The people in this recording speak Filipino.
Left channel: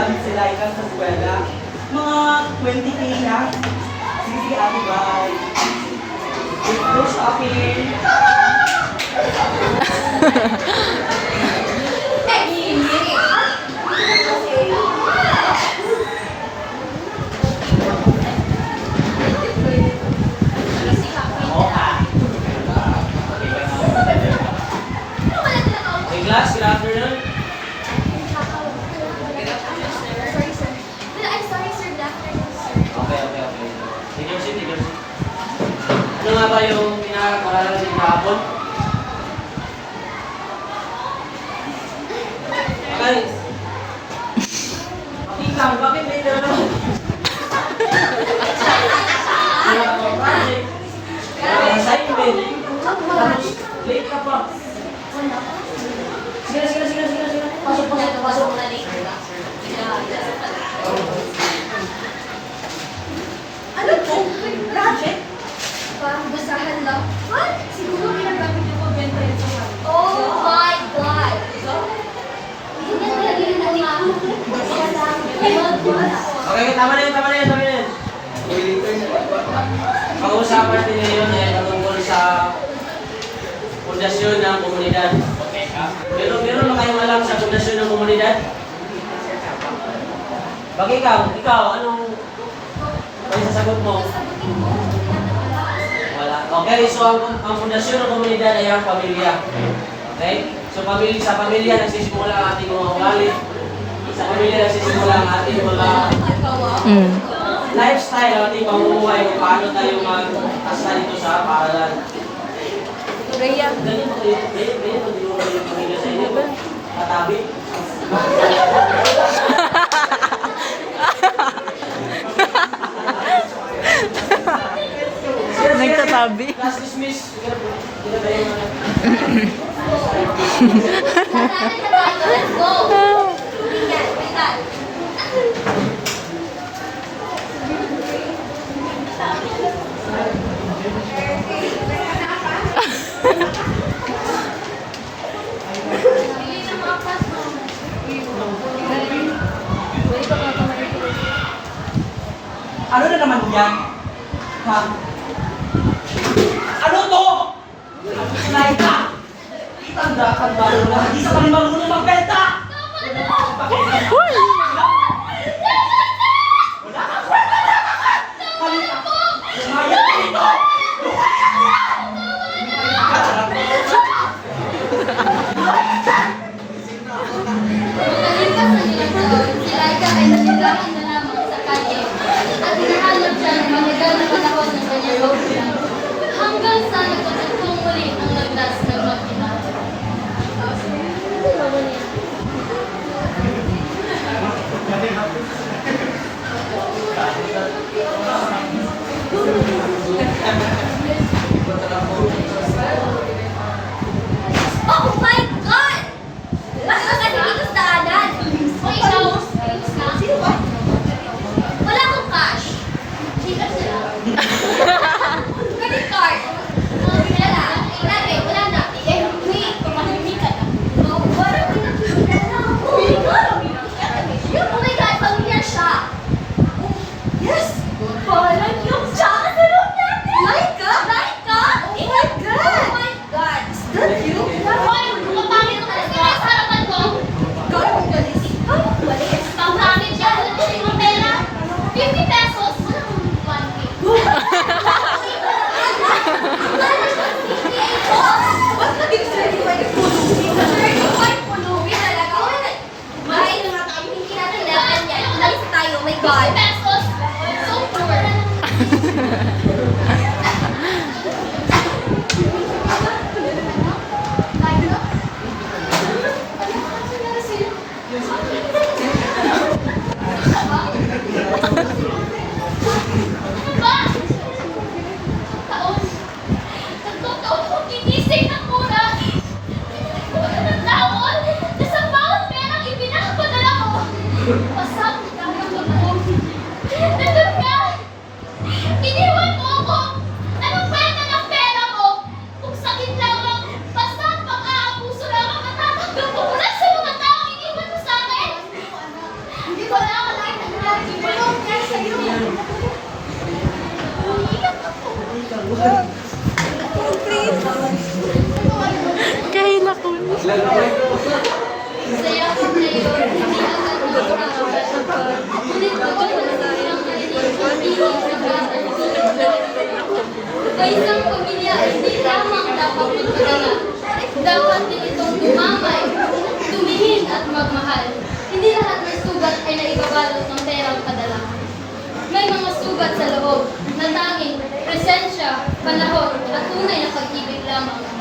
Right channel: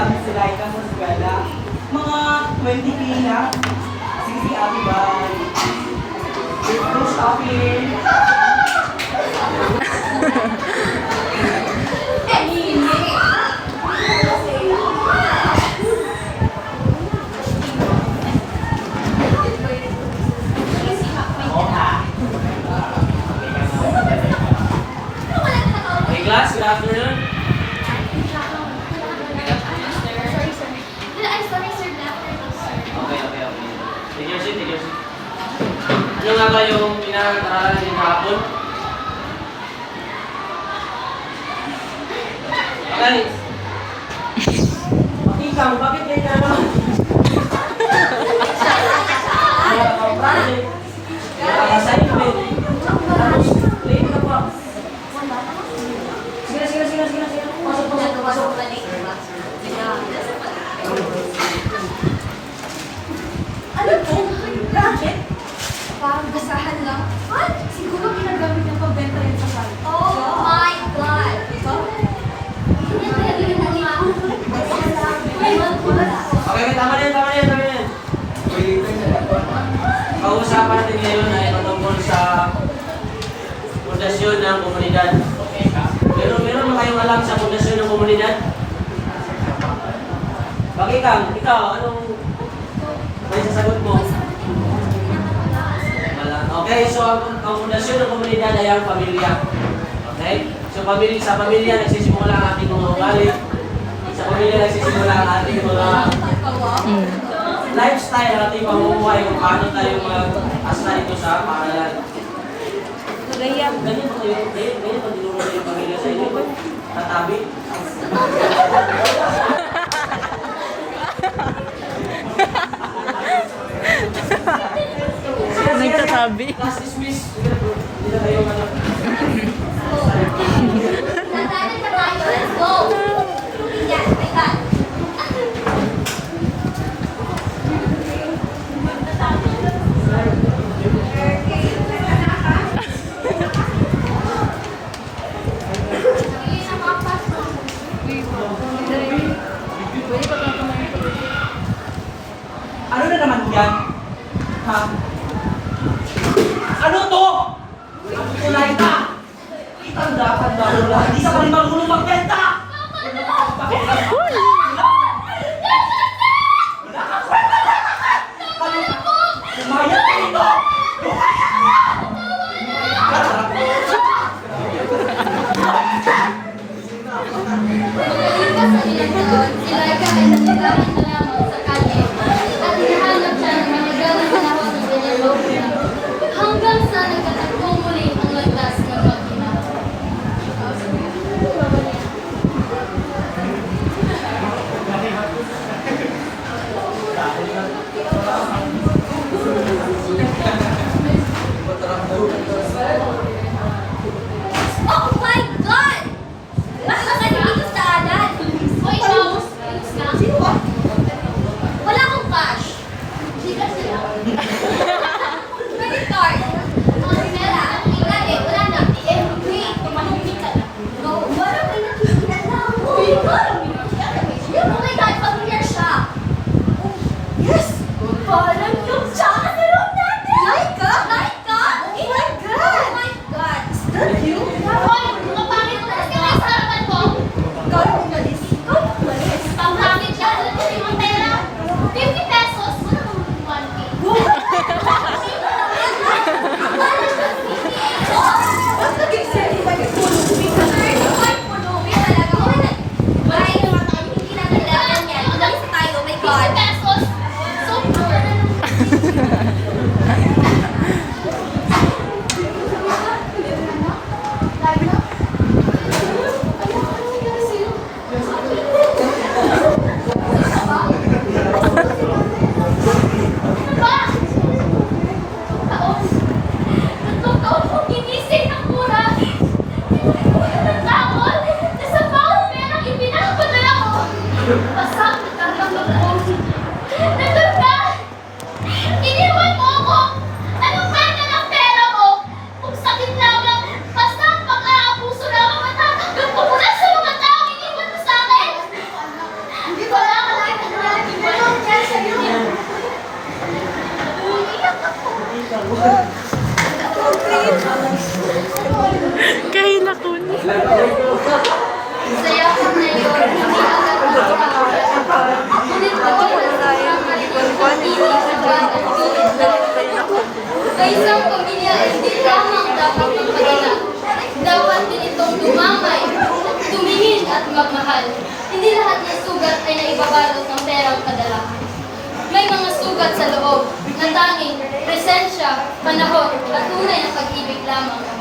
namin sila ikaw sa eskwela. Mga 20K na. Sige, sige, ate, bye. Go shopping. Okay, class, good afternoon. Okay. Take your seat, take your seat. Ano nga ba yung pinag-aralan niyo kahapon? Okay. Ikang, bakit may na naman? Project. Assignment. Tapos, late ka pa. Sige. Pasok. Ano to? Bakit? Parang basahan lang. What? Siguro ginagamit niya pabenta yan sa kanya. Oh my God! Okay, tama na yun. Pag-uusapan natin ngayon ay patungkol sa pundasyon ng komunidad. Meron ba kayong alam sa pundasyon ng komunidad? Ikaw, anong may sasagot mo? Wala. Okay, so ang pundasyon ng komunidad ay ang pamilya. Okay? So sa pamilya nagsisimula ang ating mga ugali. Sa pamilya nagsisimula ang ating mga lifestyle, ang ating pamumuhay kung paano tayo mag-asa dito sa paaralan. Ganito din mo yung pamilya sa inyo. Tatabi. Nagtatabi. Class dismiss. Hindi na tayo Let's go! Ano na naman yan? Ha? Ano to? Sulay ka! Itanda ka ba? Hindi sa kami marunong magbenta! Uy! Lumayas dito! Hanggang sa nagkatagpong muli ang landas ng mag-ina. Oh my God! Lakas ka dito sa daanan! Hoy, Rose! Sino ba? Wala akong cash. Hindi ka sila. Credit card. Wala na. Eh, wait. Tumahimik ka na. No, wala ko na. Oh my God, familiar siya. Oh, yes! Parang yung tsaka sa room natin! Laika? Oh my God! Oh my God! Is that you? Hoy, kapangit mo talaga. Sige, sa harapan mo. Gawin mo balis. Pangkamit siya. Alam mo yung pera? 50 pesos. Wala kang 1K. Ba't naging sa'yo ba yung pulubi? Ay, pulubi talaga. Bahay naman tayo. Hindi natin level yan. Umalis tayo. Oh my God. 50 pesos. So poor. Ano ba? Tatlong taon kong ginising ng mura. Ng tawon. Nasa bawat perang ipinapadala ko. Pasang itanggap ako. Nandun ka! Iniwan mo ako! Anong kwenta ng pera mo? Kung sakit lamang, basta pang-aabuso lamang matatanggap ko mula sa mga taong iniwan mo sa akin. Wala ka lang naglalagay dahil sa iyo. Kahila ko. Saya ko na yun. Hindi agad magkakaroon. Ngunit ito wala tayong May isang pamilya ay hindi lamang dapat magpagala. Dapat din itong dumamay, tumingin at magmahal. Hindi lahat ng sugat ay naibabalot ng perang padala. May mga sugat sa loob na tanging presensya, panahon at tunay na pag-ibig lamang.